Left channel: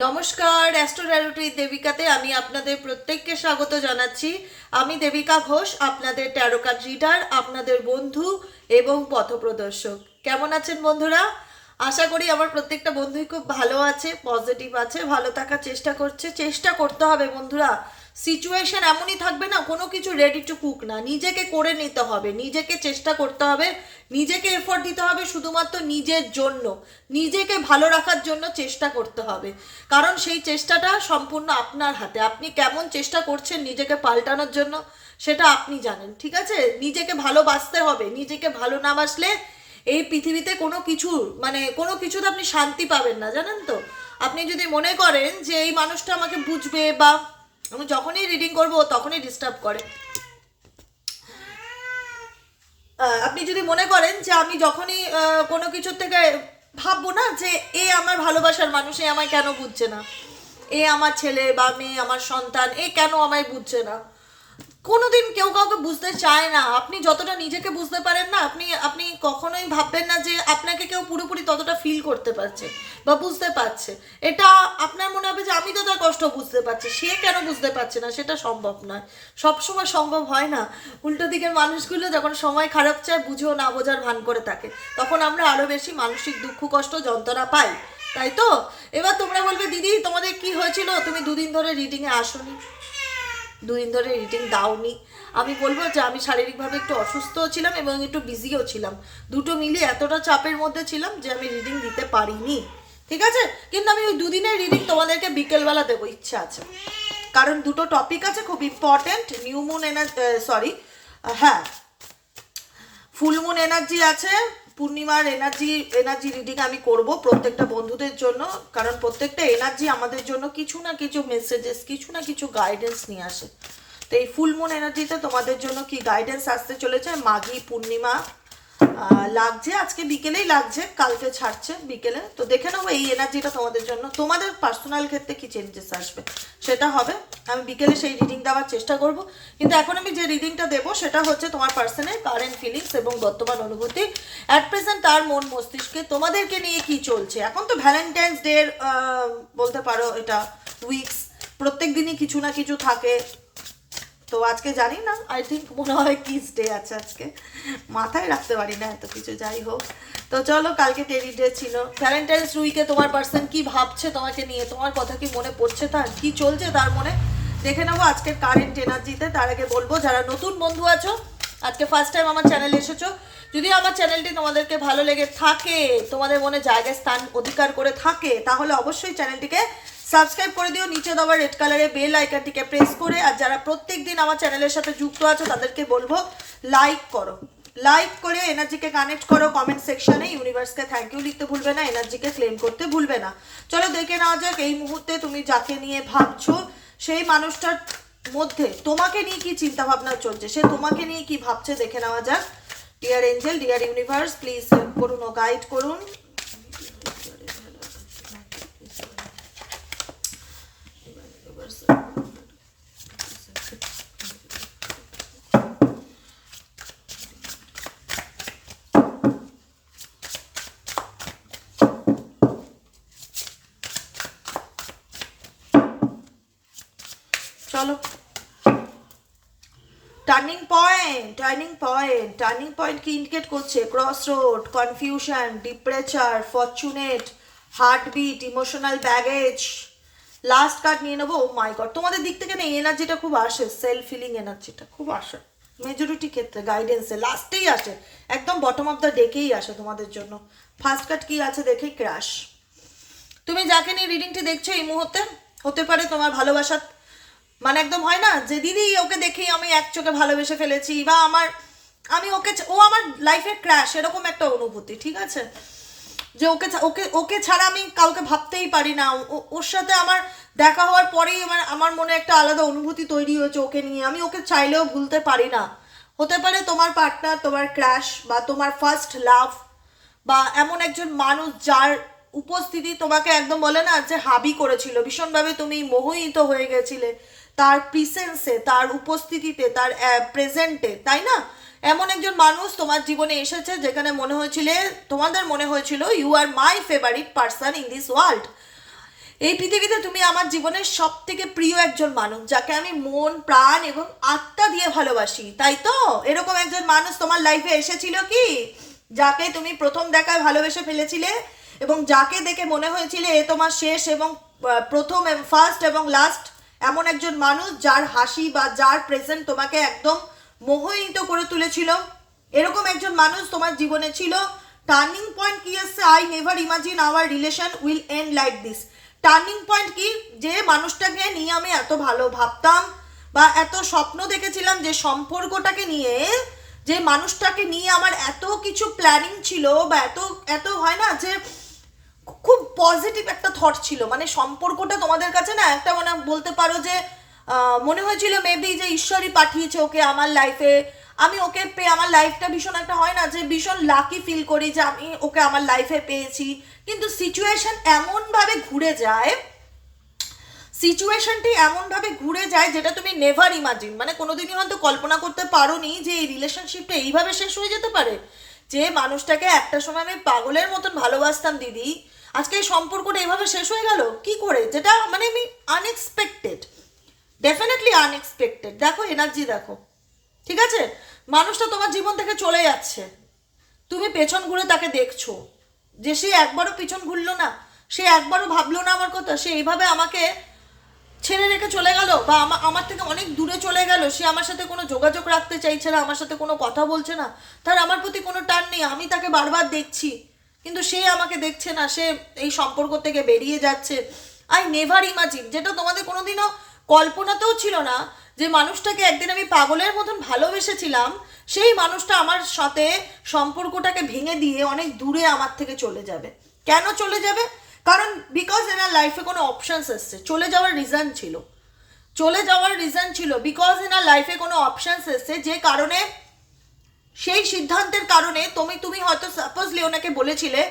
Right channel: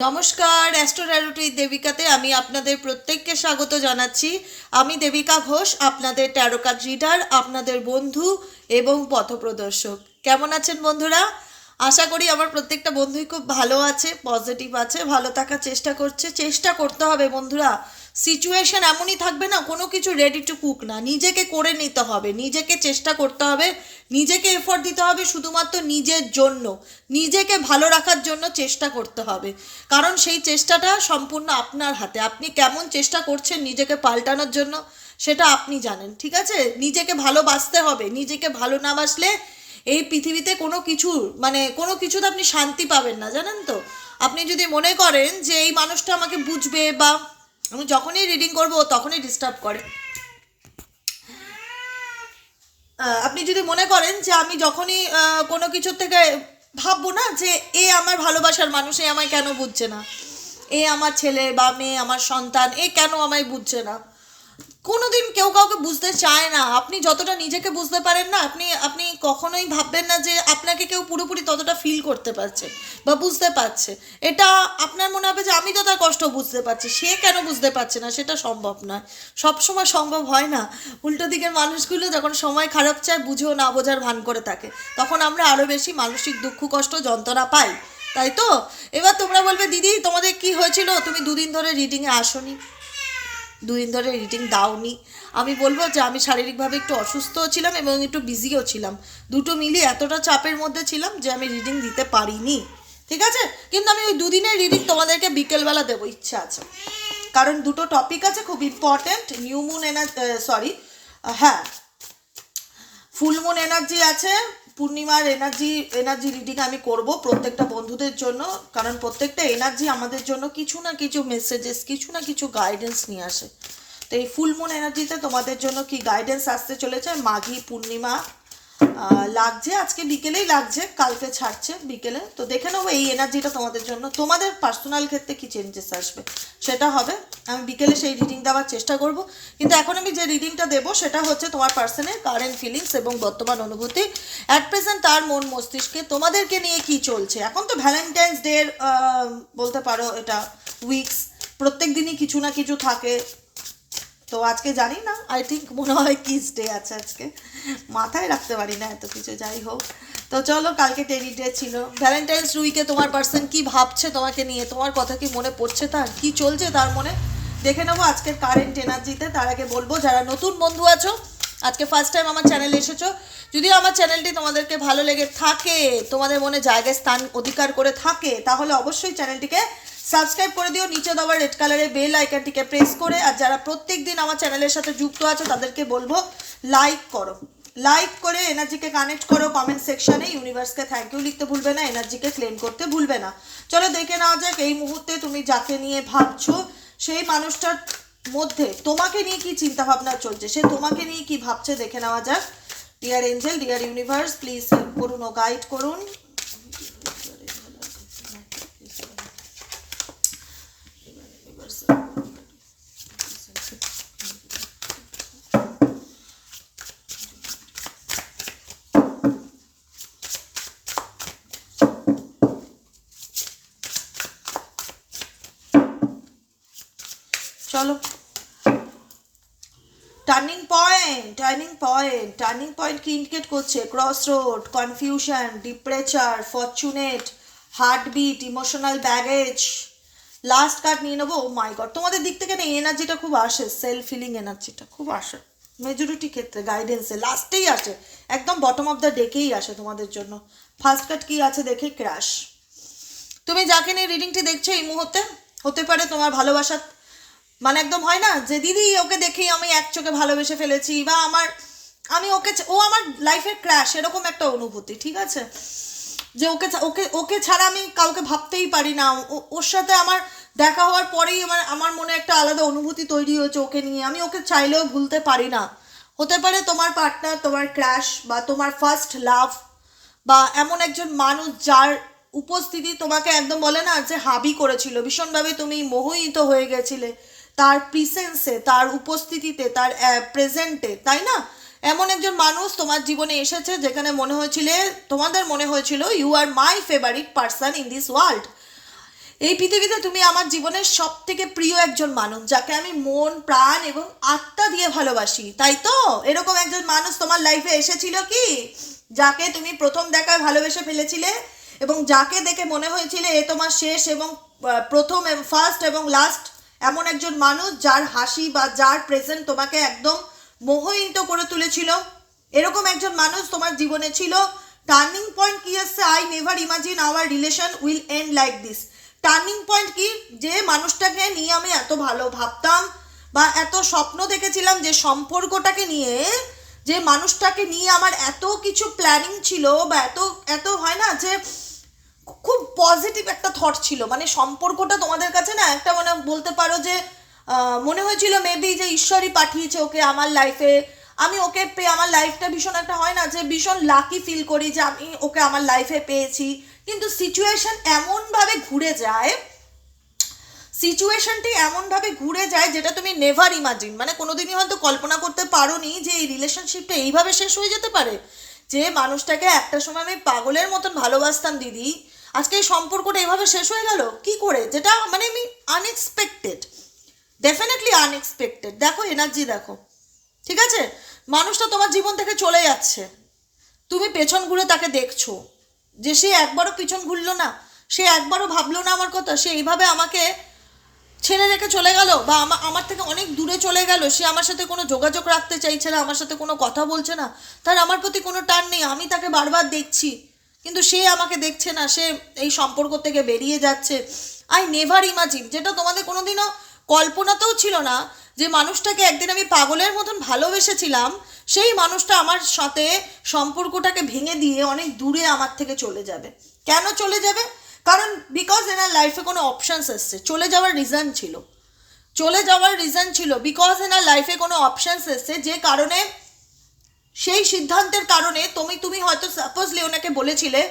নমস্কার অ্যাস্ট্রোডারোটি দেবিকাতে আমি আপনাদের প্রত্যেককে স্বাগত জানাচ্ছি। আমি দেবিকা ঘোষ, আপনাদের ট্যারো কার্ড রিডার আপনাদের বন্ধু এবং পথপ্রদর্শক। কেমন আছেন বন্ধুরা? আশা করি আমার প্রত্যেকটা বন্ধুই খুব ভালো আছে পজিটিভ আছে, ভালো থাকার চেষ্টা করছে। চেষ্টা করতে হবে বন্ধুরা। সিচুয়েশন এমনই থাকবে না, কোনো কিছু রেডি টু কুক না। নিজেকে করে নিতে হবে, নিজেকে চেষ্টা করতে হবে, নিজেকে এফোর্ট দিতে হবে শুধুমাত্র নিজের জন্য। নিজেকে ভালো রাখার জন্য চেষ্টা করতে হবে। কারণ সেই চেষ্টাটা সম্পূর্ণ আপনার হাতে। আপনি কেমন চেষ্টা করছেন নিজেকে পাল্টানোর জন্য, সেটা আপনি জানেন, ঠিক আছে? নিজেকে ভালোবাসতে হবে, নিজেকে ভালো না বাসলে এই পৃথিবীতে কোনো কিছু মানে কোনো কিছুতে আপনি শান্তি পাবেন না, জানেন তো? আপনি যদি মনে করেন যে এই মানুষটা আমাকে বুঝবে বা আমি যখনই রিডিং করব তখনই ডিস্টার্ব করে। আপনি যদি মনে করেন যে আমি যখনই কোনো কিছুর থেকে ভাববো না যে এ আমার ভালোবাসার মানুষ আমায় কেন বুঝছে না? এ আমার ছেলে বা মেয়ে, আমার সন্তান, এ কেন আমায় বুঝছে না? কোনোদিন কেউ কাউকে বুঝতে চায় না। আপনি যতটা নিজেকে বুঝতে পারেন না, আপনি আপনি কখনোই ভাববেন না যে আপনাকে কেউ পুরোপুরি ততটা ফিল করতে পারছে বা বুঝতে পারছে। এটা আপনার মনে হবে যে আমি তো তার কষ্ট বুঝতে পারছি, সে কেন বুঝতে পারছে না? সেটা সম্ভব নয়। সবসময় সম্ভব হয় না। উল্টো দিকের মানুষগুলো যখন সময় খারাপ চায়, বুঝেও না বোঝার ভান করে থাকে। তখন আমরা আরও বেশি মানসিক দুঃখ, কষ্ট, যন্ত্রণা পাই। তাই তো? এবার তোমরা বলবে, দিদি, তোমাদের কি হয়েছিল? তুমি দুদিন ধরে রিডিংয়ে আসোনি। দুদিন ধরে রিডিং দাওনি। আমি বলব যে আমি শারীরিকভাবে একটু অসুস্থও ছিলাম এবং একটু বিজিও ছিলাম। দুটো মিলিয়ে এতটা চাপের মধ্যে ছিলাম যে আমি রিডিং দিতে পারিনি। ঠিক আছে? কিন্তু আমি ওই দুদিনের রিডিং তোমাদেরকে বিকেলবেলা দেবো, ইচ্ছা আছে। কারণ দুটো টপিক আছে খুব ইম্পর্ট্যান্ট নিউ মুন এনার সরি হ্যাঁ ফুল মুন এনার্জি আছে পূর্ণিমার এনার্জি এনার্জি রিডিং আমি করব প্রত্যেকটা বন্ধুদের জন্য, কারণ প্রত্যেকটা এনার্জি আমাদের জন্য কিছু না কিছু মেসেজেস কিছু না কিছু গাইডেন্স নিয়ে আসে। তো এই ফুলমুন এনার্জিতে তোমাদের জন্য কি গাইডেন্স আসতে চলেছে? মাঘী পূর্ণিমা লাগছে, আজকে বিকেলেই লাগছে, কালকে ছাড়ছে বিকেলে। তো দেখে নেব এই এনার্জিটা তোমাদের জন্য। তোমাদের পার্সোনাল ক্ষেত্রে কি চেঞ্জেস আসবে? সেটা হবে। আমি বিকেলে সেই রিডিং দেওয়ার চেষ্টা করব। কিন্তু এখন আমি যে রিডিংটা দেবো, সেটা হচ্ছে তোমার পার্সনের কারেন্ট ফিলিংস এবং বর্তমান অনুভূতি। অ্যাট প্রেজেন্ট তার মন মস্তিষ্কে তোমাদেরকে নিয়ে কি চলছে? এখন তো ভ্যালেন্টাইন্স ডে বলতে পারো এটা উইকস প্রত্যেক দিনই কিছু না কিছু থাকে। তো আজকে জানি না আই থিঙ্ক মনে হয় কিস ডে আছে আজকে। মাথায় রাখতে পারি না এত কিছু, যাই হোক। তো চলো, কালকে টেরি ডে ছিল। ভ্যালেন্টাইন্স উইকে তোমার পার্সন কি ভাবছে তোমাকে নিয়ে? তোমার কথা কি মনে পড়ছে তার? কি চলছে তার মনে? দেখে নেব আজকের কারেন্ট এনার্জিতে তার আগে বলব, যারা নতুন বন্ধু আছো, আজকে ফার্স্ট টাইম আমার চ্যানেলে এসেছ, যদি আমার চ্যানেলটি তোমাদেরকে ভালো লেগে থাকে, তোমাদের মনে জায়গায় স্থান অধিকার করে থাকে, তাহলে অবশ্যই চ্যানেলটিকে সাবস্ক্রাইব করে দিও, নিচে দেওয়া রেড কালারের বেল আইকনটিকে প্রেস করে, আর যারা প্রত্যেক দিন আমার চ্যানেলের সাথে যুক্ত আছো, তাদেরকে বলব লাইক করো। লাইক করে এনার্জিকে কানেক্ট করো কমেন্ট সেকশনে ইউনিভার্সকে থ্যাংক ইউ লিখতে ভুলবে না এনার্জিকে ক্লেম করতে ভুলবে না। চলো দেখে নেওয়া যাক, এই মুহূর্তে তুমি যাকে নিয়ে ভাবছ, সেই মানুষটার মধ্যে তোমাকে নিয়ে কি চিন্তা ভাবনা চলছে? সে তোমাকে নিয়ে কি ভাবছে? দেখে নেওয়া যাক। Dear angel dear universe please করুন ও গাইড করুন। চলো। Turning point turning point turning point কি ইন্ডিকেট করছে? Cross road confusion departure fortunate heartbeat emotional baggage last card নিয়ে নেব? মাই গড তোমাদের দিক থেকে না এনার্জিটা খুব আসে সেলফ ফিলিং এনার্জিটা খুব আসে। মেজরিটি ক্ষেত্রে গাইডেন্সে লাস্টেই আসে। একদম বটম অফ দ্য ডেকেই আসে তোমাদের জন্য। ফার্স্ট কার্ড কি আছে দেখে? ক্র্যাশ তুমি যাকে নিয়ে রিডিংটি দেখছ এই মুহূর্তে, হতে পারে তোমার ভালোবাসা মানে একদম হয় না যে দিদি, ওকে দেখেই আমি এক চোখে ভালোবেসে ফেলেছি বা আমার, আমি ওকে ও আমার লাইফের ক্র্যাশ এরকম একটা অনুভূতি, ঠিক আছে? যে ওকে ওকে ওকে ছাড়া আমি কাউকে ভাবতেই পারি না। ওর সাথে আমার দেখা হওয়ার পরেই আমার আমার মনে একটা আলাদা অনুভূতি তৈরি হয়েছে ওকে নিয়ে। আমি ওকে চাইলেও ভুলতে পারি না। হতে পারে তোমার পার্টনার তোমার ক্র্যাশ বা তোমার ফার্স্ট লাভ বা এমন একজন মানুষ যার উপস্থিতি তোমাকে একদম বলে না যে হাবি করেছিল। ভীষণভাবে তুমি মোহিত হয়ে গেছিলে। তার প্রিসেন্সে তার উপস্থিতিতে, তার প্রেজেন্টে তাই না? এমন একজন মানুষ তোমার জীবনে এসেছে যেখানে মনে হয়েছিল, তোমাদের মনে হয়েছিল you are my favourite person in this world এই পৃথিবীতে তুমি আমার জীবনের সব থেকে প্রিয় একজন মানুষ, যাকে আমি মন, প্রাণ এবং আত্মা দিয়ে ভালোবাসি, তাই তো? এরকম একজন মানুষ তোমার লাইফে এসেছিল কি? যাকে তুমি প্রথম দেখায় ভালোবেসে ফেলেছিলে এবং যাকে দেখে মনে হয়েছিল এ তোমার শেষ এবং প্রথম ফার্স্ট এবং লাস্ট এমন একজন মানুষ যার হাসি বা যার প্রেজেন্ট তোমাকে একদম মোহিত করে তুলেছিল। এরকম একজন মানুষ তোমার জীবনে ছিল। টার্নিং পয়েন্ট কি এসছে? I never imagine our relation will end like this turning point কি? যে মানুষটাকে নিয়ে আমি এত ভালো ভাবতাম বা এত স্বপ্ন দেখেছিলাম যে সম্পর্কটাকে নিয়ে, যে মানুষটাকে নিয়ে আমার এত কিছু প্ল্যানিং ছিল বা এত এত হয় না যে খুব পজিটিভ একটা থট ছিল। মানে সম্পর্কটা তোমাদের কাছে না একটা মানে বলতে পারো যে মনে হয়েছিল মেবি যে ঈশ্বরই পাঠিয়েছে ওকে আমার লাইফে আমি ওকে পেয়ে আমার লাইফটা ভীষণ একটা হয় না যে ভীষণ লাকি ফিল করি যে আমি ওকে আমার লাইফে পেয়েছি। কিন্তু সিচুয়েশন এমনভাবে ঘুরে যায় সিচুয়েশনটি এমনভাবে ঘুরে যায় যেটা তুমি নেভার ইমাজিন মানে কোনোদিনই হয়তো কল্পনা করতে পারোনি যে এই রিলেশনশিপটা এইভাবে শেষ হয়ে যেতে পারে। যে মানুষটাকে একটা সময় আমি পাগলের মতন ভালোবাসতাম, দিদি। আজকে সম্পর্কটা এভাবে শেষ হয়ে গেল? কি করে? যেটা মানে আমি আনএক্সপেক্টেড ডেফিনেটলি আনএক্সপেক্টেড দেখো এনার্জি দেখো, ঠিক আছে? মানুষটা তোমার জীবন থেকে চলে যাচ্ছে। তুমি পেছন ঘুরে তাকে দেখছ। যে সে একবারও পিছন ঘুরলো না, সে একবারও ভাবলো না আমার কথা, সে এইভাবে আমাকে ছেড়ে রেখে চলে গেল বা আমা- আমার থেকে অনেক দূরে চলে গেল। সে আমার সাথে কোনো যোগাযোগ রাখতে চাইছে না, আমার সাথে কোনো কথা বলছে না। তার আমার প্রতি কোনো টান নেই, আমি তাকে বারবার দেখছি। কিন্তু সে আমাকে দেখছে না, সে এই সম্পর্ক থেকে বেরিয়ে যাচ্ছে। আই নেভার ইমাজিন যেটা তোমাদের কোনোদিনও কল্পনাতেও ছিল না, যে মানুষটাকে একদিন আমি পাগলের মতন ভালোবেসেছিলাম, সেই মানুষটা আমার সাথে সম্পর্কটাকে ভেঙে দিয়ে অনেক দূরে আমার থেকে চলে যাবে। কেন চলে যাবে? কারণ বিকজ এনার লাইফে কোনো অপশানস এসছে। চলে যাওয়ার রিজন ছিল। চলে যাওয়ার রিজন ছিল বিকজ এনার লাইফে কোনো অপশানস এসছে, যে কারণে সেই সিদ্ধান্তের কারণে তুমি তুমি হয়তো সাপোজলি ওনাকে বলেছিলে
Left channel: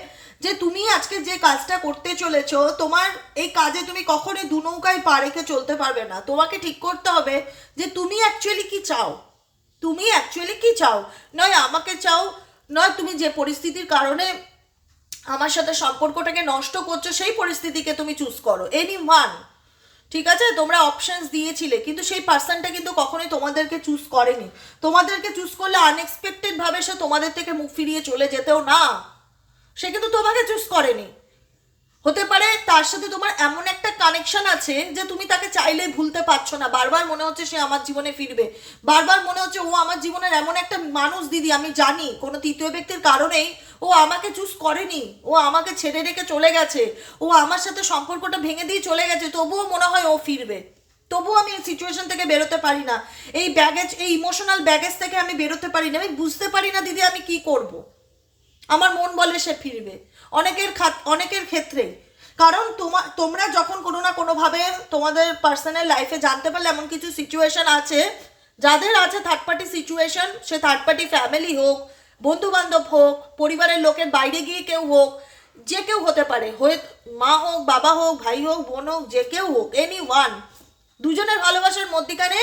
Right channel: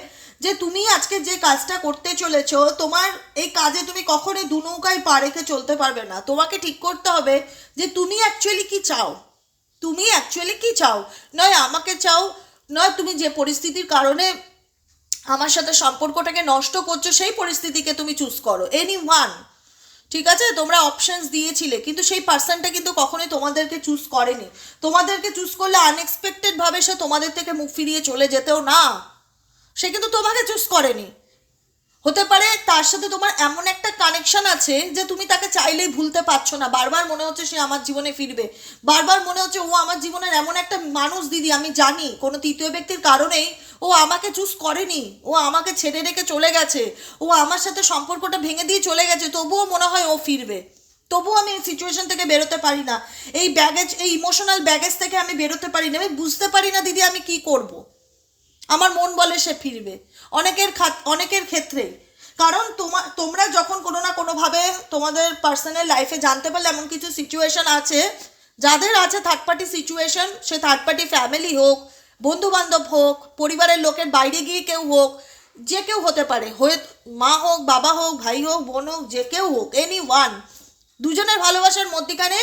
যে তুমি আজকে যে কাজটা করতে চলেছ, তোমার এই কাজে তুমি কখনোই দু নৌকায় পা রেখে চলতে পারবে না। তোমাকে ঠিক করতে হবে যে তুমি অ্যাকচুয়ালি কি চাও? তুমি অ্যাকচুয়ালি কি চাও? নয় আমাকে চাও, নয় তুমি যে পরিস্থিতির কারণে আমার সাথে সম্পর্কটাকে নষ্ট করছ, সেই পরিস্থিতিকে তুমি চুজ করো। এনি ওয়ান ঠিক আছে? তোমরা অপশনস দিয়েছিলে, কিন্তু সেই পার্সনটা কিন্তু কখনোই তোমাদেরকে চুজ করেনি। তোমাদেরকে চুজ করলে আনএক্সপেক্টেডভাবে সে তোমাদের থেকে মুখ ফিরিয়ে চলে যেতেও না। সে কিন্তু তোমাকে চুজ করেনি। হতে পারে তার সাথে তোমার এমন একটা কানেকশন আছে যে তুমি তাকে চাইলেই ভুলতে পারছ না। বারবার মনে হচ্ছে সে আমার জীবনে ফিরবে। বারবার মনে হচ্ছে, ও আমার জীবনের এমন একটা মানুষ, দিদি, আমি জানি। কোনো তৃতীয় ব্যক্তির কারণেই ও আমাকে চুজ করেনি। ও আমাকে ছেড়ে রেখে চলে গেছে। ও আমার সাথে সম্পর্কটা ভেঙে দিয়ে চলে গেছে। তবুও মনে হয় ও ফিরবে। তবুও আমি এই সিচুয়েশন থেকে বেরোতে পারি না। এই ব্যাগেজ এই ইমোশনাল ব্যাগেজ থেকে আমি বেরোতে পারি না। আমি বুঝতে পারি না, দিদি, আমি কি করব? আমার মন বলে সে ফিরবে। অনেকের অনেকের ক্ষেত্রে। কারণ তোমা, তোমরা যখন কোনো না কোনোভাবে তোমাদের পার্সোনাল লাইফে জানতে পারলে এমন কিছু সিচুয়েশন আছে, যাদের আছে থার্ড পার্টি সিচুয়েশন সে থার্ড পার্টি ফ্যামিলি হোক বন্ধু বান্ধব হোক, পরিবারের লোকের বাইরে গিয়ে কেউ হোক, যে কেউ হতে পারে। হয়ে, মা হোক, বাবা হোক, ভাই হোক, বোন হোক, যে কেউ হোক এনি ওয়ান দুজনের ভালোবাসার মধ্যিখানে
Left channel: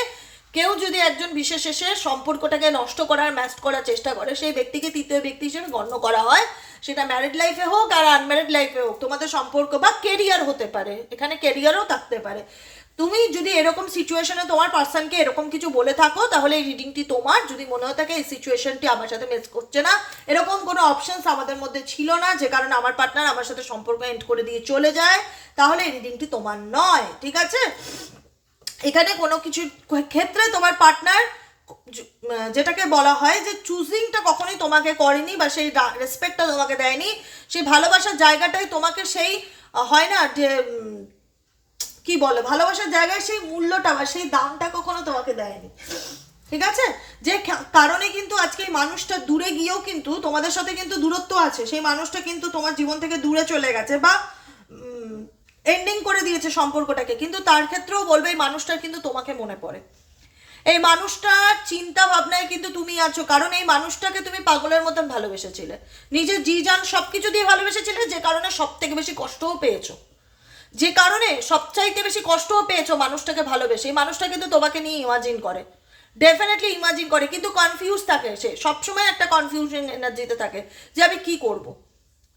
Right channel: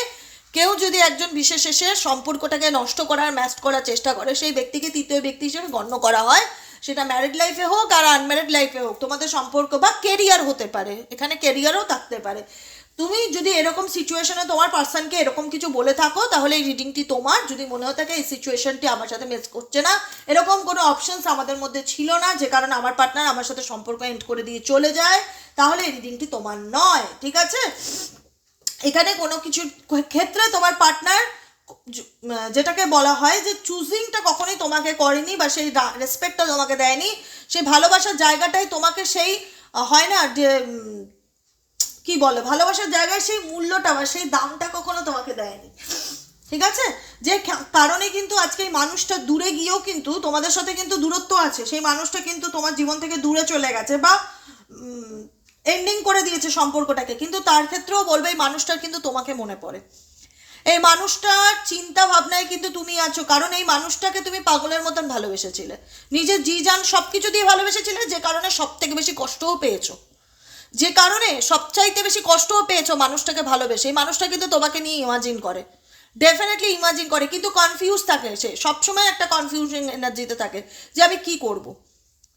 কেউ যদি একজন বিশেষ এসে সম্পর্কটাকে নষ্ট করার ম্যাস্ট করার চেষ্টা করে, সেই ব্যক্তিকে তৃতীয় ব্যক্তি হিসেবে গণ্য করা হয়। সেটা ম্যারিড লাইফে হোক আর আনম্যারিড লাইফে হোক, তোমাদের সম্পর্ক বা কেরিয়ার হতে পারে। এখানে কেরিয়ারও থাকতে পারে। তুমি যদি এরকম সিচুয়েশনে তোমার পার্সনকে এরকম কিছু বলে থাকো, তাহলে এই রিডিংটি তোমার। যদি মনে হয় থাকে এই সিচুয়েশনটি আমার সাথে ম্যাচ করছে না, এরকম কোনো অপশনস আমাদের মধ্যে ছিল না, যে কারণে আমার পার্টনার আমার সাথে সম্পর্ক এন্ড করে দিয়ে চলে যায়, তাহলে এই রিডিংটি তোমার নয়, ঠিক আছে? এখানে কোনো কিছু ক্ষেত্রে তোমার পার্টনার যেটাকে বলা হয় যে চুজিংটা কখনোই তোমাকে করেনি বা সেই রেসপেক্টটা তোমাকে দেয়নি। সেই ভালোবাসার জায়গাটায় তোমাকে সেই হয় না যে কি বলে, ভালোবাসার জায়গায় সেই মূল্যটা বা সেই দামটা কখনো তোমাকে দেয়নি। ঠিক আছে? যে কারণে কিন্তু আজকে মানুষটা দূরে গিয়েও কিন্তু তোমাদের সাথে কিন্তু দূরত্ব আছে। সেই মানুষটা কিন্তু তোমার জীবন থেকে দূরে চলে গেছে বা এন্ডিং করে দিয়েছে সম্পর্কটাকে। কিন্তু তার ক্ষেত্রেও বলবে, এই মানুষটার কিন্তু তোমাকে মনে পড়ে। এই মানুষটার চিন্তা ভাবনায় কিন্তু তুমি আছো, কারণ এই মানুষটাকে তুমি পাগলের মতন ভালোবেসেছিলে। নিজের জি যান সব কিছু দিয়ে ভালোবেসেছিলে, যে কারণে সব থেকে বেশি কষ্টও পেয়েছ। যে কারণে সবচাইতে বেশি কষ্টও পেয়েছ মানুষটাকে ভালোবেসে। এই মানুষটা কিন্তু তোমাকে নিয়ে ইমাজিন করে। ডেফিনেটলি ইমাজিন করে। কিন্তু কনফিউজ থাকে সে। সবসময় একটা কনফিউশন এনার্জিতে থাকে যে আমি কি করব।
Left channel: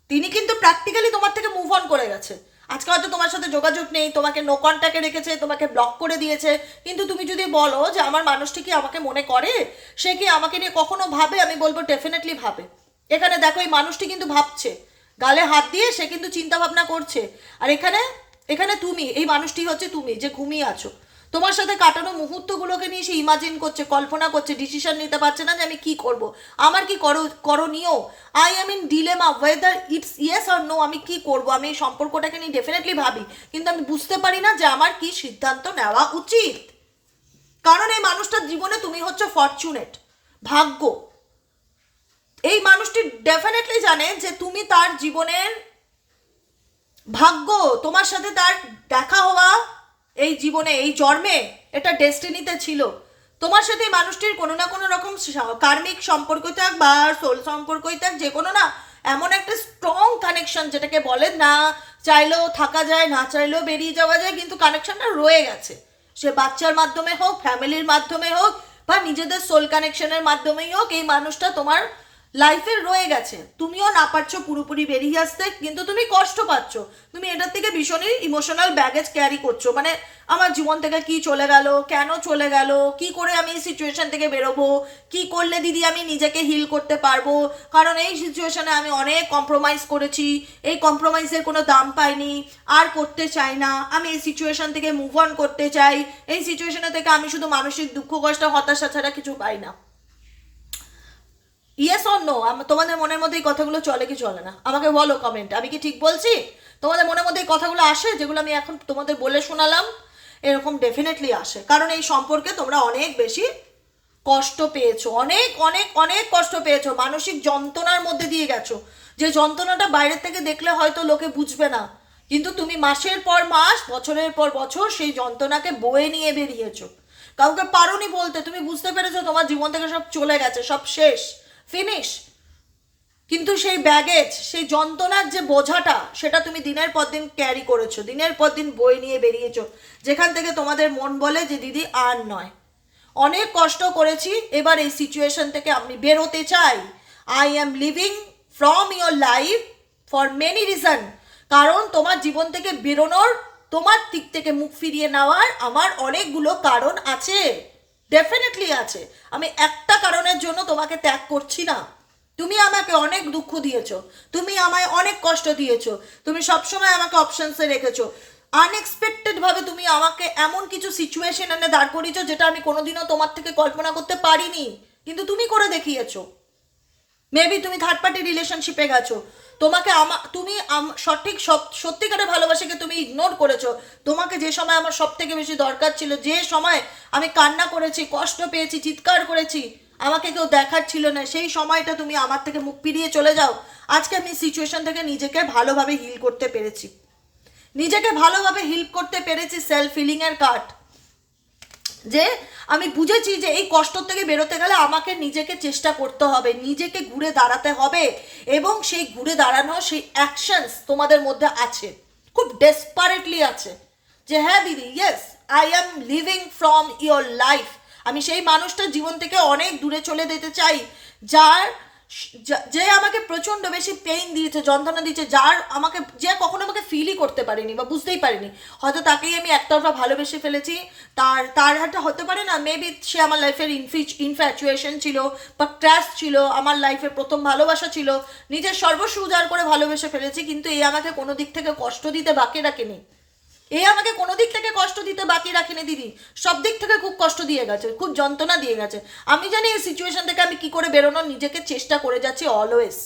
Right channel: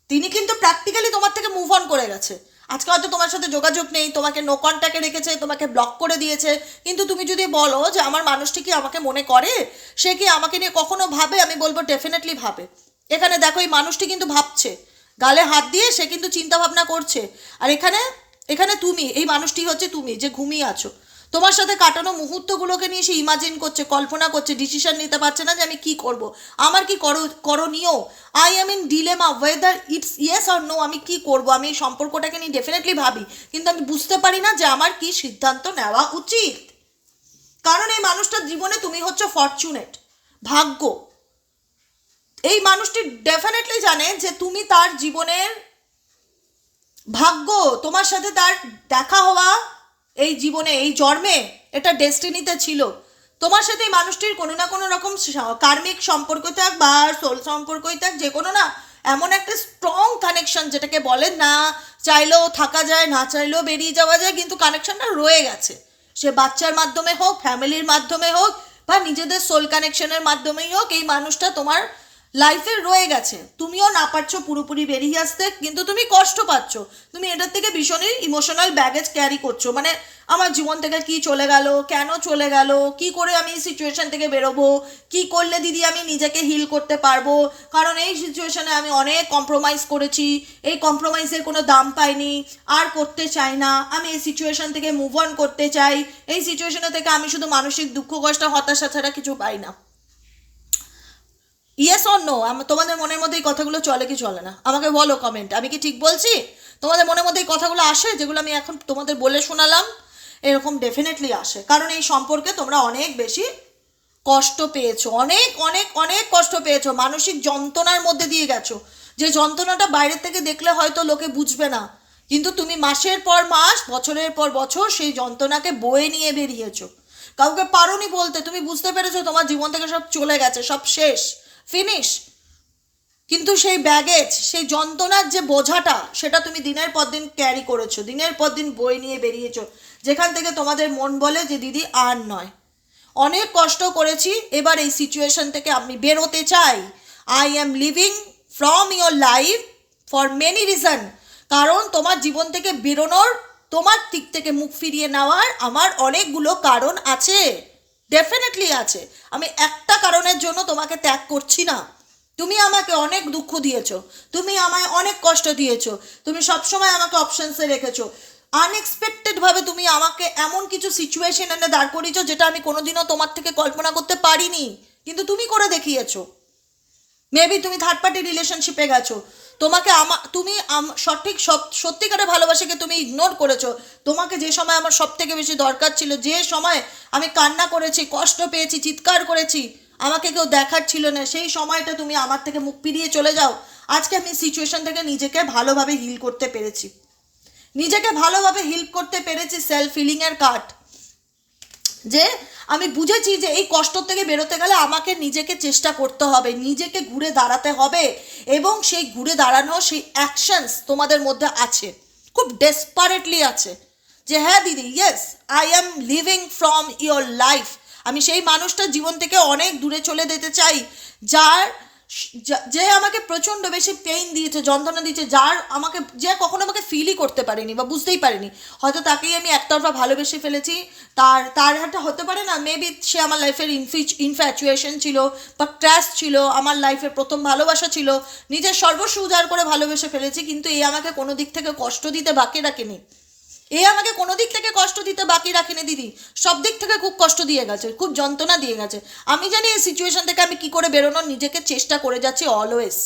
তিনি কিন্তু প্র্যাকটিক্যালি তোমার থেকে মুভ অন করে গেছে। আজকে হয়তো তোমার সাথে যোগাযোগ নেই, তোমাকে নো কন্ট্যাক্টে রেখেছে, তোমাকে ব্লক করে দিয়েছে। কিন্তু তুমি যদি বলো যে আমার মানুষটি কি আমাকে মনে করে? সে কি আমাকে নিয়ে কখনো ভাবে? আমি বলব ডেফিনেটলি ভাবে। এখানে দেখো এই মানুষটি কিন্তু ভাবছে। গালে হাত দিয়ে সে কিন্তু চিন্তা ভাবনা করছে। আর এখানে এখানে তুমি, এই মানুষটি হচ্ছে তুমি, যে ঘুমিয়ে আছো। তোমার সাথে কাটানো মুহূর্তগুলোকে নিয়ে সে ইমাজিন করছে, কল্পনা করছে ডিসিশন নিতে পারছে না যে আমি কি করব। আমার কি করো, করণীয়? I am in dilemma whether it's yes or no আমি কি করব? আমি এই সম্পর্কটাকে নিয়ে ডেফিনেটলি ভাবি। কিন্তু আমি বুঝতে পারি না যে আমার কি সিদ্ধান্ত নেওয়া উচিত। কারণ এই মানুষটার জীবনে তুমি হচ্ছে ফরচুনেট ভাগ্য। এই মানুষটি ডেফিনেটলি জানে যে তুমি তার জীবনের ভাগ্য, তোমার সাথে তার দেখা হওয়া এই জীবনে, এই জন্মে এটা ডেস্টিনিতে ছিল। তোমার সাথে এই মানুষটির কোনো না কোনো রকম কার্মিক সম্পর্ক থাক বা সোল সম্পর্কই থাক, যে কোনো না, এমন একটা স্ট্রং কানেকশন যেটাকে বলে না চাইলেও থাকা যায়, না চাইলেও বেরিয়ে যাওয়া যায়, কিন্তু কানেকশনটা রয়ে গেছে। সে বাচ্চার মাধ্যমে হোক ফ্যামিলির মাধ্যমে হোক, বা নিজেদের সোল কানেকশনের মাধ্যমেই হোক, এই মানুষটা তোমার লাইফে রয়ে গেছে। তুমিও না পারছ পুরোপুরি বেরিয়ে আসতে, কিন্তু তুমি কষ্ট পাচ্ছ। তুমি এটার থেকে ভীষণই ইমোশনাল ব্যাগেজ ক্যারি করছ। মানে আমার জীবন থেকে কি চলে গেল, কেন চলে গেল, কি করে আমি এই সিচুয়েশন থেকে বেরোবো, কি করলে দিদি আমি নিজেকে হিল করতে পারব? কারণ এই সিচুয়েশনে আমি অনেক কম্প্রোমাইজ করেছি। এই কম্প্রোমাইজের কোনো দাম পাইনি। আর করতে চাই না। আমি এই সিচুয়েশন থেকে মুভ অন করতে চাই। এই সিচুয়েশনে থেকে আমি শুধু মানসিক দুঃখ, কষ্ট, হতাশা ছাড়া কিছু পাই না। ইয়েস অর নো তোমাদের মনের মধ্যে এই কথাগুলো চলে কি চলে না? আমাকে বলো কমেন্ট আমি কি ঠিক বলছি? তোমাদের মনের মধ্যে এই কথাগুলো আসে যেগুলো আমি এখন তোমাদের বলে শোনালাম? এরকম ডেফিনেটলি আসে। কারণ এই সম্পর্কে তোমরা অনেক বেশি কষ্ট পেয়েছ। অনেক অনেক অনেক কষ্ট পেয়েছ। মানসিক যন্ত্রণার মধ্যে দিয়ে গেছো। যে যন্ত্রণাটা বাইরের থেকে দেখলে হয়তো লোকে বুঝবে না। কিন্তু তুমি মাসের পর মাস, বছরের পর বছর সেই যন্ত্রণাকে বয়ে নিয়ে বেরিয়েছো। কাউকে পারোনি বলতে। তুমি বুঝতে পেরেছ তোমার জীবন থেকে সব চলে গেছে, সব শেষ। ফিনিশ কিন্তু সেই ব্যাগেজ সেই যন্ত্রণার যে বোঝাটা, সেটা তুমি দিনের পর দিন ক্যারি করেছ। দিনের পর দিন বয়ে নিয়ে বেরিয়েছো। যেখান থেকে তোমাদের মন বলে যে দিদি আর নয়। অনেক কষ্ট করেছি, এবার এই সিচুয়েশন থেকে আমি বেরোতে চাই। I am leaving from your life for many reason কারণ তোমার জীবন থেকে বেরোনোর, তোমার দিক থেকে মুখ ফিরিয়ে নেওয়ার আমার অনেকগুলো কারণ আছে। ডেফিনেটলি আছে। আমি একটা কারণের জন্য তোমাকে ত্যাগ করছি না। তুমি আমাকে অনেক দুঃখ দিয়েছ। তুমি আমায় অনেক কষ্ট দিয়েছ। তুমি সবসময় আমাকে অপশনসে রেখেছো। আনএক্সপেক্টেড ভাবে তুমি আমাকে এমন কিছু সিচুয়েশন এনে দাঁড় করিয়েছো যেটা আমি কোনোদিনও তোমার থেকে কল্পনা করতে পারিনি। কিন্তু তুমি করে দেখিয়েছো। মেবি তুমি থার্ড পার্টি রিলেশনশিপে গেছো। তোমাকে আমা তুমি সঠিক সব সত্যিকারের ভালোবাসাকে তুমি ইগনোর করেছ। তোমাকে যে সময় আমার সব থেকে বেশি দরকার ছিল, যে সময় আমি কান্না করেছি, কষ্ট পেয়েছি, চিৎকার করেছি, আমাকে কেউ দেখার ছিল না, সেই সময়টা তুমি আমার থেকে মুখ ফিরিয়ে চলে যাও। আজকে আমি সিচুয়েশন থেকে নিজেকে ভালোভাবে হিল করতে পেরেছি। নিজেকে ভালোভাবে হিল করতে পেরেছি সেলফ ফিলিংয়ের কার্ড যে আমি বুঝেছি যে এই কষ্ট থেকে বেরোতে গেলে আমাকে নিজেকে চেষ্টা করতে হবে, নিজেকে ঘুরে দাঁড়াতে হবে এবং সেই ঘুরে দাঁড়ানো সেই অ্যাকশনস তোমাদের মধ্যে আছে, খুব ডেসপারেটলি আছে যে হ্যাঁ দিদি yes I am leaving from your life আমি সেই মানুষটা জীবন থেকে অনেক দূরে চলে যেতে চাই, যার যা- আমাকে প্রচণ্ড বেশি পেইন দিয়েছে, যন্ত্রণা দিয়েছে, যার আমাকে, যে কখনো আমাকে ফিলই করতে পারেনি বা বুঝতেই পারিনি। হয়তো তাকেই আমি একতরফা ভালোবেসে ফেলেছি। তার তার একটা হতে পারে না মেবি সে আমার লাইফের ইনফিচ ইনফ্যাচুয়েশন ছিল বা ট্র্যাশ ছিল, আমার লাইফের প্রথম ভালোবাসা ছিল, নিজের সর্বস্ব উজাড় করে ভালোবেসে ফেলেছি, কিন্তু এই আমাকে কোনো দিক থেকে কষ্ট দিতে বাকি রাখেনি। এ আমাকে কোনো দিক থেকে কষ্ট দিতে বাকি রাখেনি, দিদি। সব দিক থেকে খুব কষ্ট দিয়ে গেছে, খুব যন্ত্রণা দিয়ে গেছে। আমি জানি এই সিচুয়েশন থেকে আমি কি করে বেরোনোর, নিজেকে চেষ্টা করে যাচ্ছি অলওয়েজ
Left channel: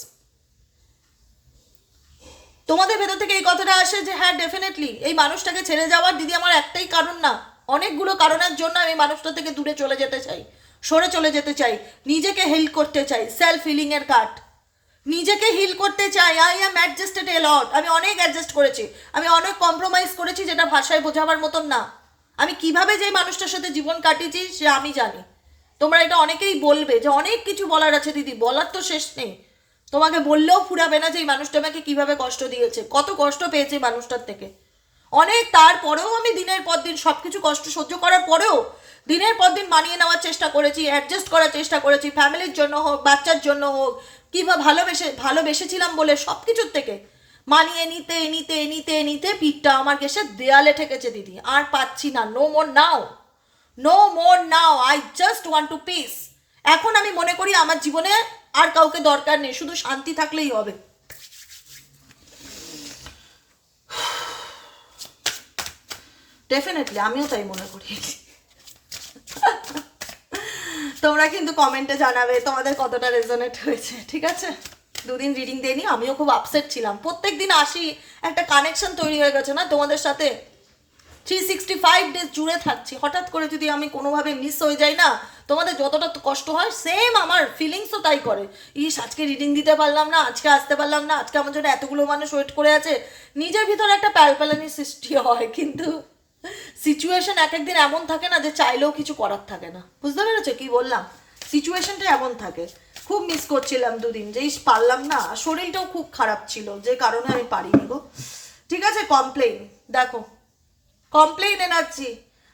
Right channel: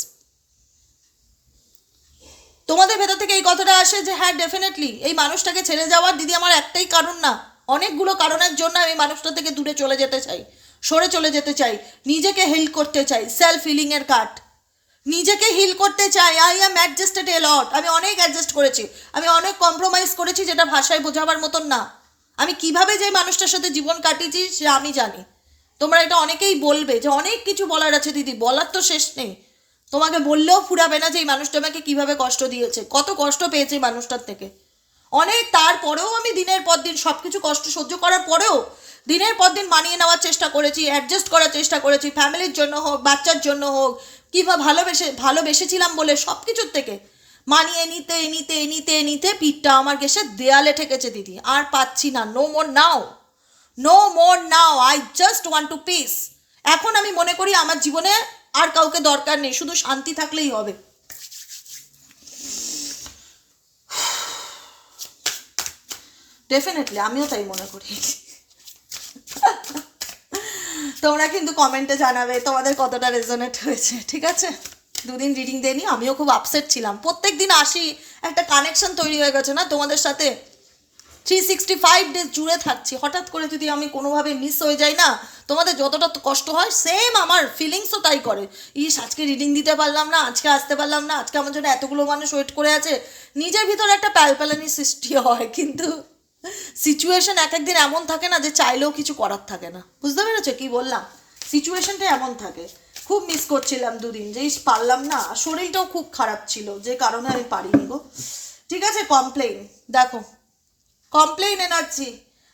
তোমাদের ভেতর থেকে এই কথাটা আসে যে হ্যাঁ ডেফিনেটলি এই মানুষটাকে ছেড়ে যাওয়ার দিদি আমার একটাই কারণ না। অনেকগুলো কারণের জন্য আমি মানুষটা থেকে দূরে চলে যেতে চাই, সরে চলে যেতে চাই, নিজেকে হিল করতে চাই সেলফ হিলিংয়ের কাট নিজেকে হিল করতে চাই। আই অ্যাম অ্যাডজাস্টেড এ লট আমি অনেক অ্যাডজাস্ট করেছি। আমি অনেক কম্প্রোমাইজ করেছি যেটা ভাষায় বোঝাবার মতন না। আমি কীভাবে যে মানুষটার সাথে জীবন কাটিয়েছি সে আমি জানি। তোমরা এটা অনেকেই বলবে যে অনেক কিছু বলার আছে দিদি, বলার তো শেষ নেই। তোমাকে বললেও ফুরাবে না যে এই মানুষটা আমাকে কীভাবে কষ্ট দিয়েছে। কত কষ্ট পেয়েছে মানুষটার থেকে। অনেক তারপরেও আমি দিনের পর দিন সব কিছু কষ্ট সহ্য করার পরেও দিনের পর দিন মানিয়ে নেওয়ার চেষ্টা করেছি অ্যাডজাস্ট করার চেষ্টা করেছি। ফ্যামিলির জন্য হোক, বাচ্চার জন্য হোক কিংবা ভালোবেসে, ভালোবেসেছিলাম বলে সব কিছুর থেকে মানিয়ে নিতে নিতে নিতে নিতে পিঠটা আমার গেছে দেয়ালে ঠেকেছে, দিদি। আর পাচ্ছি না। No more now no more now I just want to peace এখন আমি মনে করি আমার জীবনে আর কাউকে দরকার নেই। শুধু শান্তি থাকলেই হবে। ডেফিনেটলি আমিও তাই মনে করি। তোমরা কিন্তু কমেন্টে জানাবে তোমাদের কতটা রেজনেট হয়েছে, ঠিক আছে? দুদিন রিডিং দেয়নি আমিও খুব আপসেট ছিলাম। প্রত্যেক দিন আসি, একটা কানেকশন তৈরি হয়ে গেছে না, তোমাদের সাথে থ্রি সিক্সটি ফাইভ ডেজ জুড়ে থাকছি। হঠাৎ করে যদি আমি কোনোভাবে মিস হয়ে যাই না, তোমাদের যতটা কষ্ট হয় সেম আমার ফিলিংসও তাই করে। ইস, আজকে রিডিং দিতে পারলাম না, আজকে আসতে পারলাম না, আজকে আমার জন্য এতগুলো মানুষ ওয়েট করে আছে। নিজের ভিতরে একটা প্যালপ্যালানি সৃষ্টি হয়, কিন্তু সিচুয়েশন এক একদিন এমন থাকে না যে চাইলেও কিছু করার থাকে না। বুঝতে পেরেছ কি বললাম? সিচুয়েশনটা এমন থাকে। খুব মিস করছিলাম দুদিন। যে ইস, পারলাম না। শরীরটাও খুব খারাপ ছিল, যে কারণে আমি পারিনি গো। ঠিক আছে কমপ্লেন দেখো complain energy.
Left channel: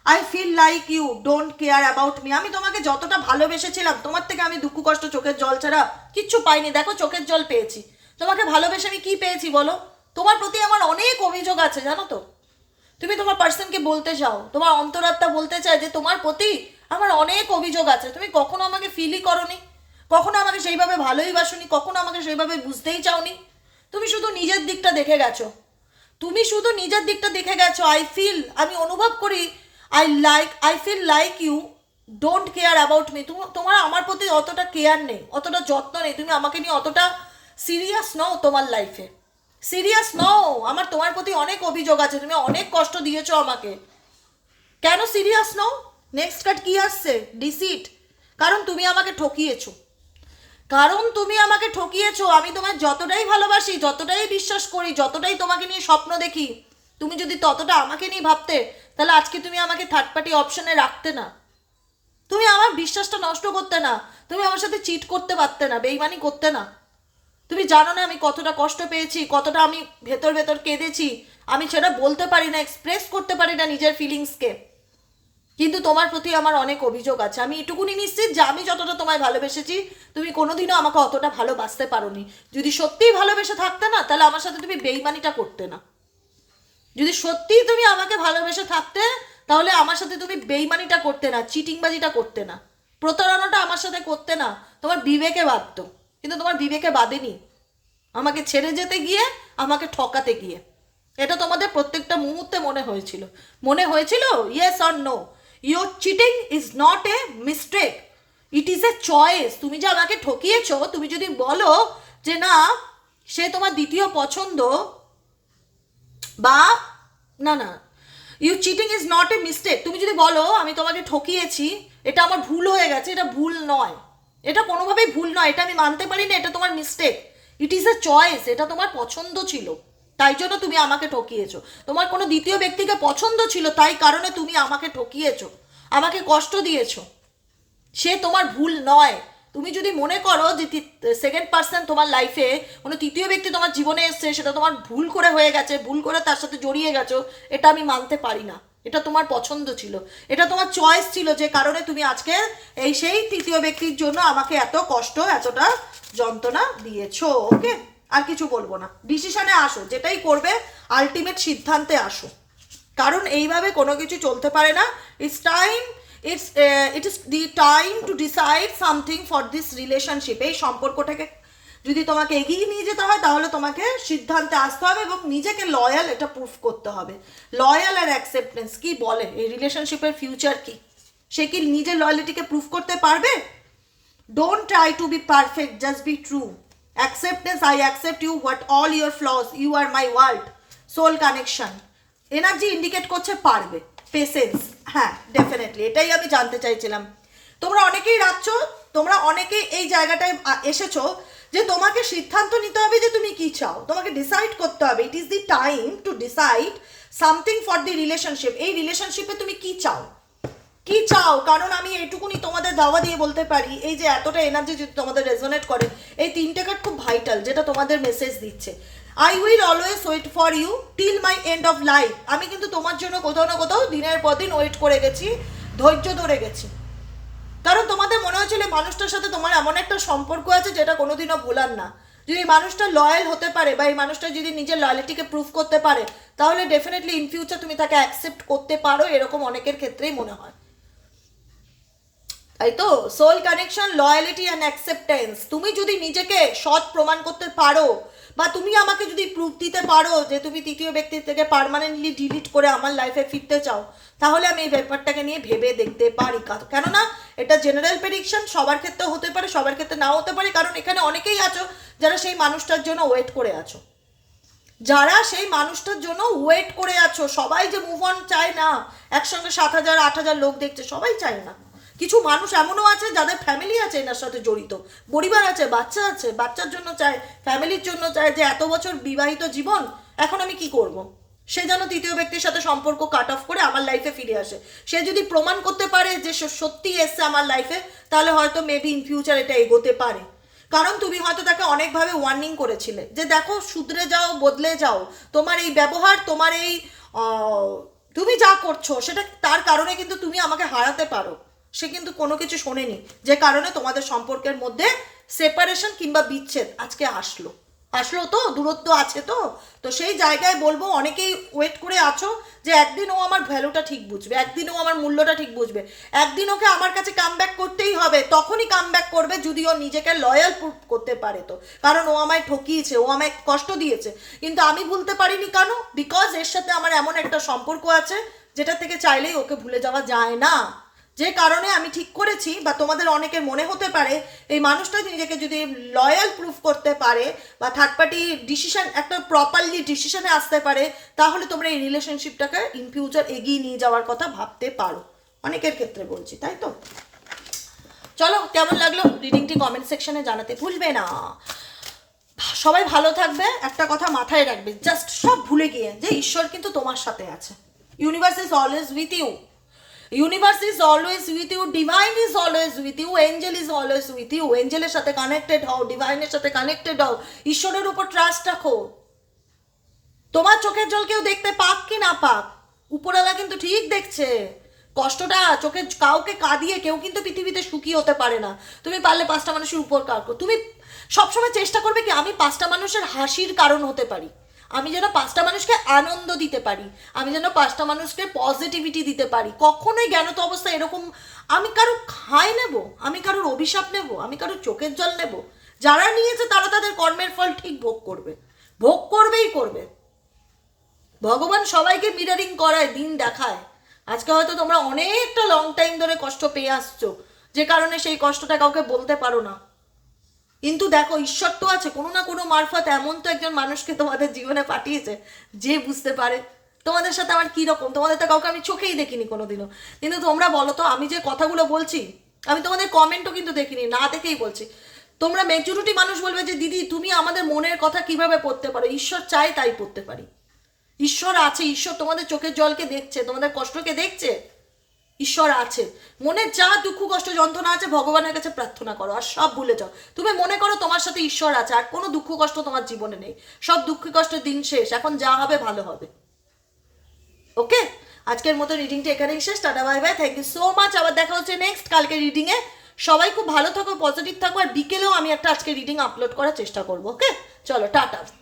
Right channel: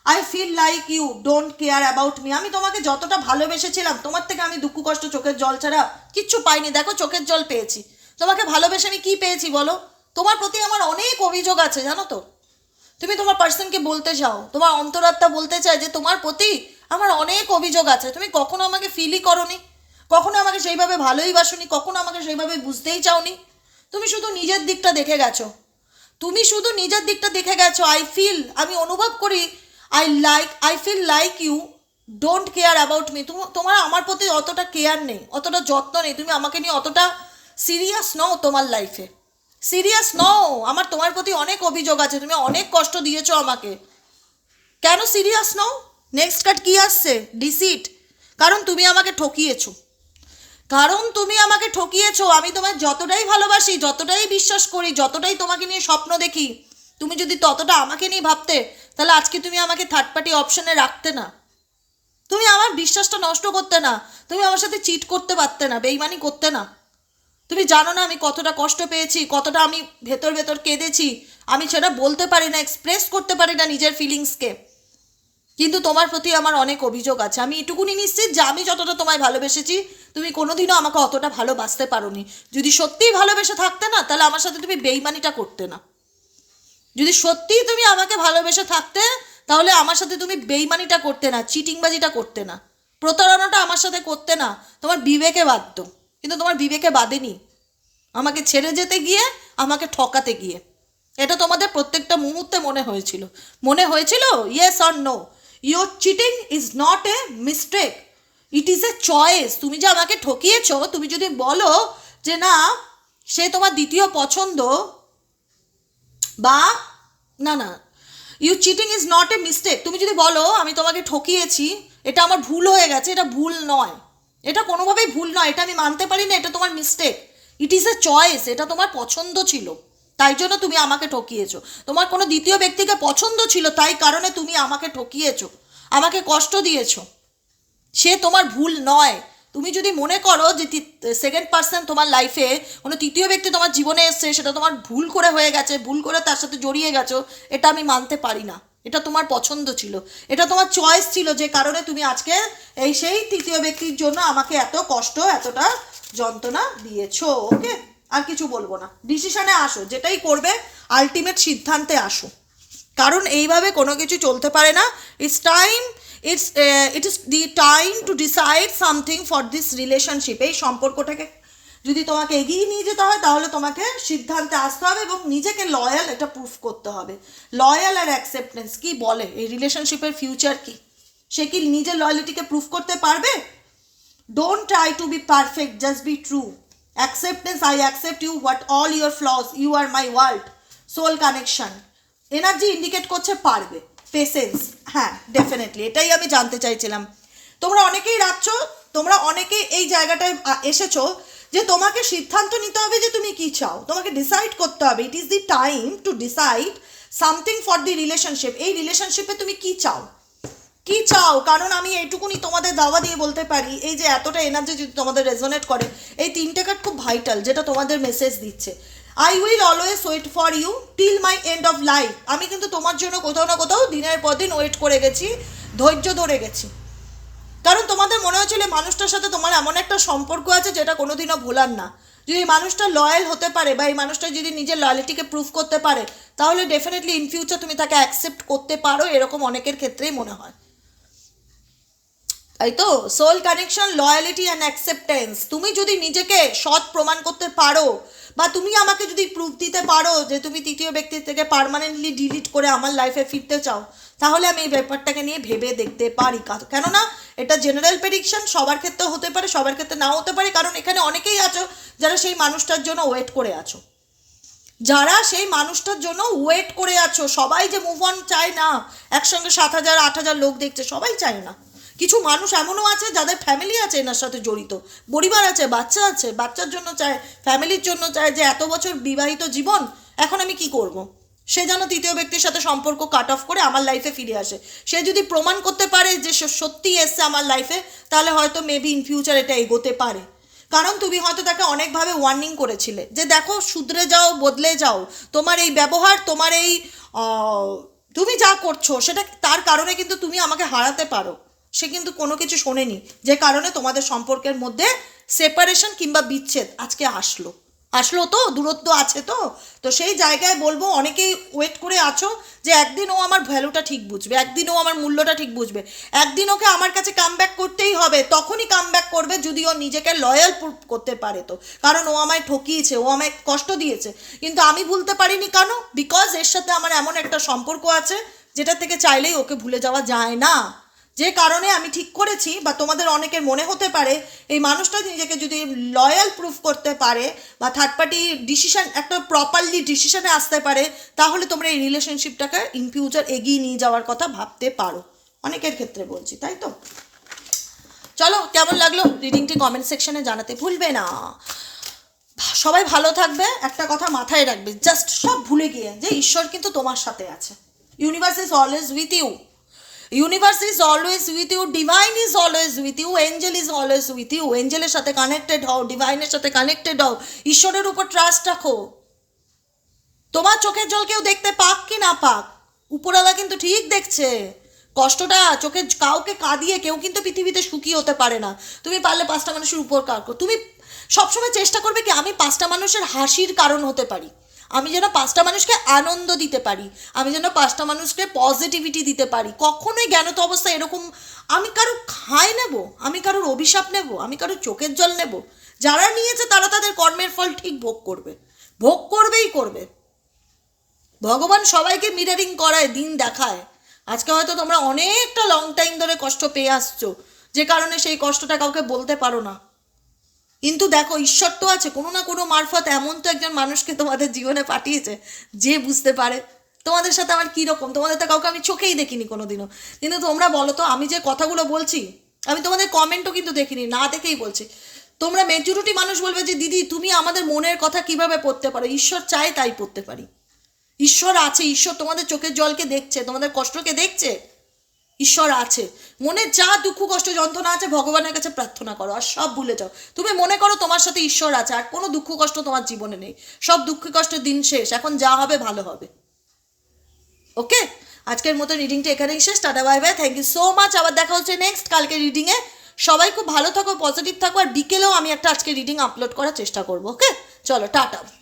I feel like you don't care about me আমি তোমাকে যতটা ভালোবেসেছিলাম, তোমার থেকে আমি দুঃখ কষ্ট, চোখের জল ছাড়া কিচ্ছু পাইনি। দেখো, চোখের জল পেয়েছি। তোমাকে ভালোবেসে আমি কী পেয়েছি বলো? তোমার প্রতি আমার অনেক অভিযোগ আছে, জানো তো? তুমি তোমার পার্সনকে বলতে চাও তোমার অন্তরাত্মা বলতে চায় যে তোমার প্রতি আমার অনেক অভিযোগ আছে। তুমি কখনো আমাকে ফিলই করনি? কখনো আমাকে সেইভাবে ভালোই বাসনি? কখনো আমাকে সেইভাবে বুঝতেই চাওনি? তুমি শুধু নিজের দিকটা দেখে গেছো। তুমি শুধু নিজের দিকটা দেখে গেছো। আই ফিল আমি অনুভব করি I like I feel like you don't care about me তোমার আমার প্রতি অতটা কেয়ার নেই, অতটা যত্ন নেই। তুমি আমাকে নিয়ে অতটা সিরিয়াস নও তোমার লাইফে সিরিয়াস নও আমার তোমার প্রতি অনেক অভিযোগ আছে। তুমি অনেক কষ্ট দিয়েছ আমাকে। কেন সিরিয়াস নও নেক্সট কার্ড কি আসছে? ডিসিট কারণ তুমি আমাকে ঠকিয়েছো। কারণ তুমি আমাকে ঠকিয়েছো। আমি তোমার যতটাই ভালোবাসি, যতটাই বিশ্বাস করি, যতটাই তোমাকে নিয়ে স্বপ্ন দেখি, তুমি যদি ততটা আমাকে নিয়ে ভাবতে, তাহলে আজকে তুমি আমাকে থার্ড পার্টি অপশনে রাখতে না। তুমি আমার বিশ্বাসটা নষ্ট করতে না। তুমি আমার সাথে চিট করতে পারতে না, বেইমানি করতে না। তুমি জানো না আমি কতটা কষ্ট পেয়েছি, কতটা আমি ভেতর ভেতর কেঁদেছি, আমি সেটা বলতে পারি না এক্সপ্রেস করতে পারি না নিজের ফিলিংসকে কিন্তু তোমার প্রতি আমার অনেক অভিযোগ আছে। আমি এটুকুনি নিশ্চিত যে আমি যতটা তোমায় ভালোবেসেছি, তুমি কোনোদিনও আমাকে অতটা ভালোবাসতে পারোনি। যদি সত্যিই ভালোবেসে থাকতে না, তাহলে আমার সাথে তুমি বেইমানিটা করতে না। যদি সত্যিই তুমি আমাকে ভালোবেসে থাকতে, তাহলে আমার সাথে তুমি বেইমানিটা করতে না চিটিংবাজিটা করতে না। প্রতারণাটা আমার সাথে করতে না, তোমার বিবেকে বাধ্য। কিন্তু তোমার বিবেকে বাঁধেনি। আমাকে ছেড়ে যেতে গিয়ে, আমাকে ঠকাতে গিয়ে। এটা তোমাদের প্রত্যেকটা মুহূর্তে মনে হয়েছিল। মনে হয়েছিল yes or no your cheating is not a mistake it is a choice তুমি যে আমাকে ঠকিয়েছো, তুমি যদি বলো যে না, সে তোমার দ্বিতীয় পছন্দ, বা না না you cheating is not a mistake তুমি যদি বলো, আমি তোমাকে ঠকিয়েছি, এটা আমার ভুল হয়ে গেছে, এটা ভুল নয়। এটা কোনোভাবেই ভুল নয়, এটা আমি মানতে পারি না, এটা তোমার mistake it is a choice এটা তোমার পছন্দ ছিল, তাই জন্য তুমি আমাকে ঠকিয়েছো। তোমার কোনো দ্বিতীয় ব্যক্তিকে পছন্দ ছিল, তাই কারণে তুমি আমাকে ঠকিয়েছো, আমাকে কষ্ট দিয়েছ। সে তোমার ভুল নয়। তুমি যদি মনে করো যে সেকেন্ড পার্সন তোমার লাইফে কোনো তৃতীয় ব্যক্তি তোমার জীবনে এসছে, সেটা তোমার ভুল করে হয়ে গেছে, ভুল করে তার সাথে জড়িয়ে গেছো, এটা আমি মানতে পারি না। এটা তোমার পছন্দ ছিল। এটা তোমার চয়েস ছিল যে কারণে তুমি আজকে এই সেই তৃতীয় ব্যক্তির জন্য আমাকে এত কষ্ট, এতটা যন্ত্রণা দিয়েছ ওকে আর কিছু বলব না। ডিসিশনে আসো, যেটাই করবে আলটিমেট সিদ্ধান্তে আসো। কারণ এইভাবে কোনো কিছু চলতে পারে না। It's time it's it is the time to decide something for this relationship এই সম্পর্কটাকে যদি তোমাকে এগিয়ে নিয়ে যেতে হয়, তাহলে তোমাকে সিদ্ধান্তে আসতে হবে এবং নিজেকে লয়াল এটা প্রুফ করতে হবে। লয়াল আর অ্যাকসেপ্টেন্স কি বলে? এই রিলেশনশিপের ফিউচার কি? সে কি নিজের লয়ালিটিকে প্রুফ করতে পারবে? Don't try to be perfect just be true acceptance I accept you what all your flaws you are my world soul connection energy indicate করছে পারবে। পেশেন্স হ্যাঁ ডেফিনেটলি এটাই আমি জানতে চাইছিলাম। তোমরা অনেকেই রাখছো, তোমরা অনেকে এই জায়গাটায় এসেছ যে তোমাকে সিদ্ধান্ত নিতে হবে যে তুমি কি চাও। তোমাকে ডিসাইড করতে হবে। It is the time to decide something for the relationship এই রিলেশনশিপে তুমি কি চাও? কি চাও? কারণ আমি এইটুকুনি তোমাদের দাওয়া দিয়ে বলতে পারি, এই যে এতটা এনার্জি যদি তোমাদের রেজোনেট করে, এই তিনটে কার্ড খুব ভাইটাল যেটা তোমাদের মেসেজ দিচ্ছে। I will always wait for you till my end of life আমি কিন্তু তোমার জন্য কোথাও না কোথাও দিনের পর দিন ওয়েট করে গেছি, ধৈর্য ধরে গেছি। কারণ তোমাদের মনে হয়েছিল মানুষটার সাথে তোমার এমন একটা সম্পর্ক আছে যেটা কোনোদিনও ভোলার না। যদি এই মানুষটা লয়াল হতে পারে বা এই মানুষটা যদি নিজের লয়ালিটিকে প্রুভ করতে পারে, তাহলে ডেফিনেটলি ইন ফিউচার তুমি তাকে অ্যাকসেপ্ট করতে পারো, এরকম অনেকের ক্ষেত্রেই মনে হয়। তাই তো? Soul connection loyalty and acceptance তুমি যদি নিজেকে সৎ প্রমাণ করতে পারো বা তুমি আমাকে যদি প্রুফ দিতে পারো যে তুমি তৃতীয় ব্যক্তির থেকে পার্মানেন্টলি ডিলিট করে আমার লাইফে ফিরতে চাও তাহলে আমি এই ব্যাপারটাকে নিয়ে ভেবে দেখতে পারি। কেননা এটা জেনারেল প্রেডিকশন সবার ক্ষেত্রে হতে পারে, সবার ক্ষেত্রে নাও হতে পারে, কারণ এখানে অনেকেই আছো যারা সেই মানুষটার জন্য ওয়েট করে আছো। যারা সেই মানুষটার জন্য ওয়েট করে আছো, সবাই যে মুভ অন চায় না, একসঙ্গে সাত হাজার, আট হাজার লোক দেখছে, সবাই চায় না। কিছু মানুষ এমনও আছে যাদের ফ্যামিলি আছে এনার সাথে জড়িত। পরিবার আছে, বাচ্চা আছে, বাচ্চার জন্য চায় ফ্যামিলির জন্য চায় যে এত বছর বিবাহিত জীবন, এখন আমি কি করব। সে যেন তৃতীয় ব্যক্তির সাথে সম্পর্ক কাট অফ করে আমার লাইফে ফিরে আসে। সে যদি প্রমাণ করতে পারে যে সে সত্যি এসছে আমার লাইফে তাহলে হয়তো মেবি ইন ফিউচার এটা এগোতে পারে। কারণ তুমি হয়তো তাকে অনেকভাবে ওয়ার্নিং করেছিলে যে দেখো, শুধরে যাও, বদলে যাও। তোমার এই ব্যবহার, তোমার এই তুমি যা করছ, সেটা তার কারণে কিন্তু তুমি আমাকে হারাতে পারো। সে কিন্তু কোনো কিছু শোনেনি। যে কারণে তোমাদের সম্পর্কের মধ্যে সেপারেশন কিংবা বিচ্ছেদ আজকে আসলো। আসলো তো, দূরত্ব আছে তো। তো সেই জায়গায় বলব, অনেকেই ওয়েট করে আছো যে একদিন ও আমার ভ্যালুটা ঠিক বুঝবে, একদিন ও আমার মূল্যটা ঠিক বুঝবে। একদিন ওকে আমার কাছে কাম করতেই হবে, তখনই কাম করবে যদি ও নিজেকে লয়াল প্রুভ করতে পারে তো। কারণ ও আমায় ঠকিয়েছে, ও আমায় কষ্ট দিয়েছে। কিন্তু আমি ভুলতে পারিনি কেন? বিকজ এর সাথে আমার এমন একটা সম্পর্ক আছে, যেটা থেকে চাইলেই ওকে ভুলে যাওয়া যায় না। যে কারণে আমি ঠিক করেছি, বা তোমাদের অনেকের মনে হতে পারে, এই মানুষটা নিজেকে যদি লয়াল প্রুফ করতে পারে, বা থার্ড পার্টি ডিসিশন একটা প্রপারলি ডিসিশনে আসতে পারে, তাহলে তোমরা এই রিলেশনশিপটাকে ইন ফিউচার এগিয়ে নিয়ে যাওয়ার কথা ভাবতে পারো। অনেকের ক্ষেত্রে বলছি, তাই তো? চলো, কেমন লাগল? রিডিংটি কমেন্ট সেকশনে জানাতে ভুলবে না। সবাই ভালো থাকবে, একটা কথা মাথায় রাখবে জাস্ট সব ভুলে গিয়ে যে ঈশ্বর কিন্তু তোমার সাথে আছে। Universe is always with you universe is always with you divine is always with you angel is always with you এঞ্জেলের সাথে কানেক্টেড হও ডিভাইনের সাথে কানেক্টেড হও, ঈশ্বরের উপর ট্রাস্ট রাখো। তোমার চোখের জল কেউ দেখতে পাক কি না পাক? উপরওয়ালা কিন্তু ঠিক দেখছে। কষ্টটা চোখে কাউকে কাঁদিয়ে কেউ কিন্তু পৃথিবীতে সুখী হতে পারে না। তুমি পারলে পাঁচটা মানুষের উপকার করো। তুমি সবসময় চেষ্টা করবে কি আমি পাঁচটা মানুষের হাসির কারণ হতে পারি। আমি যেন পাঁচটা মানুষকে আনন্দ দিতে পারি, আমি যেন পাঁচটা মানুষকে পজিটিভিটি দিতে পারি। কখনোই জ্ঞানত অবস্থা এরকম আমি কারও খায় নেব, আমি কারোর অভিশাপ নেব, আমি কারোর চোখের জল নেব, যারা নিয়েছে তারা তাদের কর্মের ফল ঠিক ভোগ করবে। ভোগ করবেই করবে। ভগবান সবাইকে মিরারিং করায়, দিন দেখায়। আজকে হয়তো তোমরা অনেকটা লং টাইম ধরে কষ্ট পেয়ে আসছো, যে কারণে সেই কষ্টটা কাউকে বলতে পারো না। কিন্তু দেখো, ঈশ্বর তো আছে, কোনো না কোনো মারফত এমন তো একজন মানুষকে তোমাদের জীবনে পাঠিয়েছে যে বুঝতে পারে। তোমাদের সাথে আমার কী রকম? তোমাদের তো কাউকে আমি চোখেই দেখিনি কোনোদিনও। কিন্তু তোমরা বলো তো, আমি যে কথাগুলো বলছি, আমি তোমাদের কমেন্টও কিন্তু দেখিনি, না দেখেই বলছি। তোমরা মেজরিটি মানুষ বলবে যে, দিদি, তুমি আমাদের মনের কথা কীভাবে পড়তে পারো? ঈশ্বর চাই তাই পড়তে পারি। ঈশ্বর আছে, ঈশ্বর তোমাদের চোখের জলকে দেখছে, তোমাদের কষ্টকে দেখছে। ঈশ্বর আছে। মনে যা দুঃখ, কষ্ট, যন্ত্রণা আছে, ভগবানের কাছে প্রার্থনা করো। আর সব ভুলে যাও। তুমি মনে করো তোমার সাথে ঈশ্বর আছে, আর কোনো দুঃখ, কষ্ট তোমার জীবনে নেই। সব দুঃখ কষ্টের দিন শেষ। এখন যা হবে, ভালো হবে। ওকে? আজকের মতো রিডিংটা এখানেই শেষ। Tata bye bye thank you so much আবার দেখা হচ্ছে নেক্সট কালকে রিডিংয়ে সবাই খুব ভালো থাকো পজিটিভ থাকো, আর বিকেলেও আমি একটা আজকে রিডিং আপলোড করার চেষ্টা করব। ওকে? চলো, টাটা।